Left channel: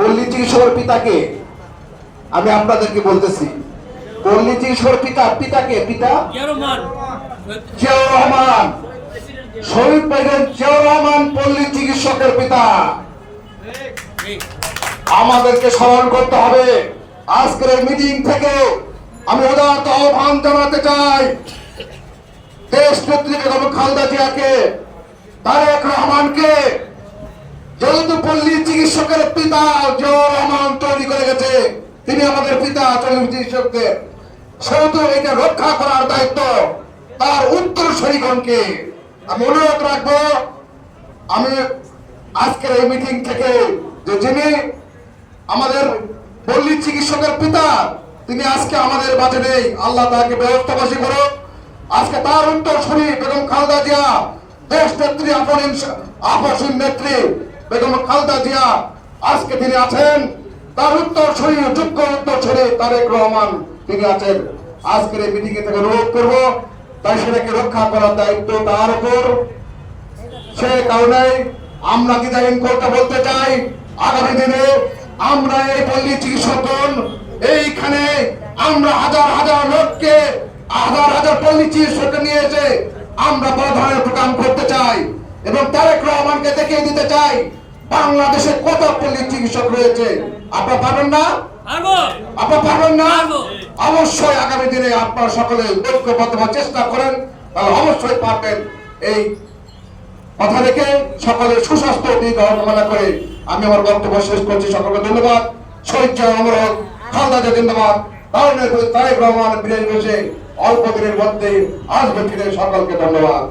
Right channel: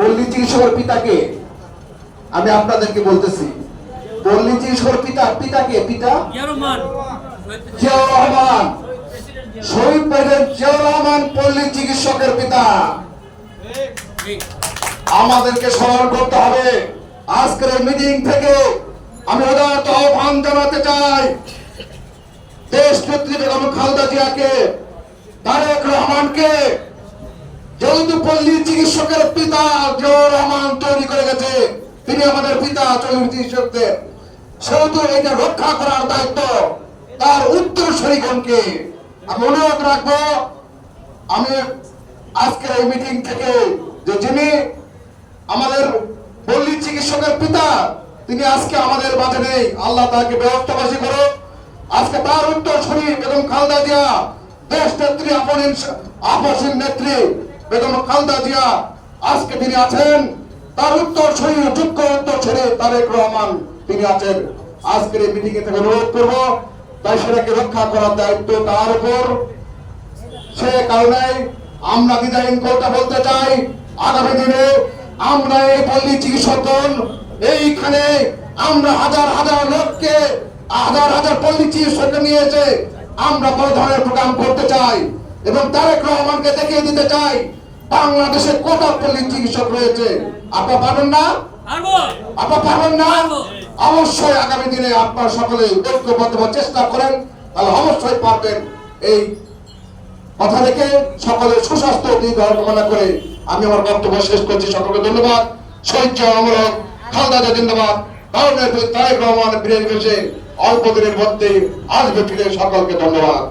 পল্লী চিকিৎসকের পিতাকে? আমি আপনাদেরকে বলতেছি পল্লী চিকিৎসকের পিতা? পিতাকে? পিতা? জিয়াউর রহমান শহীদ প্রেসিডেন্ট জিয়াউর রহমান পল্লী চিকিৎসকের পিতা। আমাদেরকে স্মরণ করতে হবে। আজকের মিটিং থেকে আমি উদারত আহ্বান জানাতে চাই। দেশ নেত্রী বেগম খালেদা জিয়াকে তারেক রহমানকে যেহেতু পল্লী চিকিৎসকের পিতা জিয়াউর রহমান তৈরি করে গেছে। তিনি আমাদের পিতা পল্লী সেহেতু এটা রক্ষা করার দায়িত্ব তার উত্তর উত্তরসূরিগণকে আমি অনুরোধ রাখব, আমি আজকের এই মিটিং থেকে যে যিনি আমাদের পল্লী চিকিৎসকের পিতা, তিনি আজকে আমাদের মাঝে নেই। আল্লাহ তাকে ব্যবস্থাবাসী করো আজকে তার উত্তর শুনি বেগম খালেদা জিয়া, দেশ নেত্রী আপন আপসীন নেত্রী বেগম খালেদা জিয়া আজকে তিনি আছেন, তার উত্তর শুনি যোগ্য উত্তর শুনি তারেক রহমান তিনি আছেন। আজকের এই মিটিং থেকে অনুরোধ করব, তাই সেটাকে রক্ষা করার দায়িত্ব তার উপর। সে কারণে আমরা ডিজাইন করতে বলতে চাই? আগামী দিনে আমরা এই পল্লী চিকিৎসকগণ, এইখানে আমরা হাজার হাজার লোককে, হাজার হাজার পল্লী চিকিৎসককে নিয়ে এসে আমরা বড় ধরনের প্রোগ্রাম করতে চাই এবং তারেক রহমানকে দেখিয়ে দিতে চাই। বাংলাদেশে কত পল্লী চিকিৎসক রয়েছে? আপনারা পাবেন না? আপনারা পাবেন না? অবশ্যই আগামী দিনে আপনারা সকলে ঐক্যবদ্ধ হওয়ার চেষ্টা করেন। তাহলে অবশ্যই পারবেন এই কথা রেখে সকলের সুস্বাস্থ্য দীর্ঘ কামনা করে আমি আমার বক্তব্য শেষ করছি। সকলকে ধন্যবাদ। শহীদ অমর খালদা জিন্দাবাদ। প্রতি তারেক রহমান ফিরে এসে অল্প দিনের মধ্যে আসবে ফিরে সকলকে ধন্যবাদ।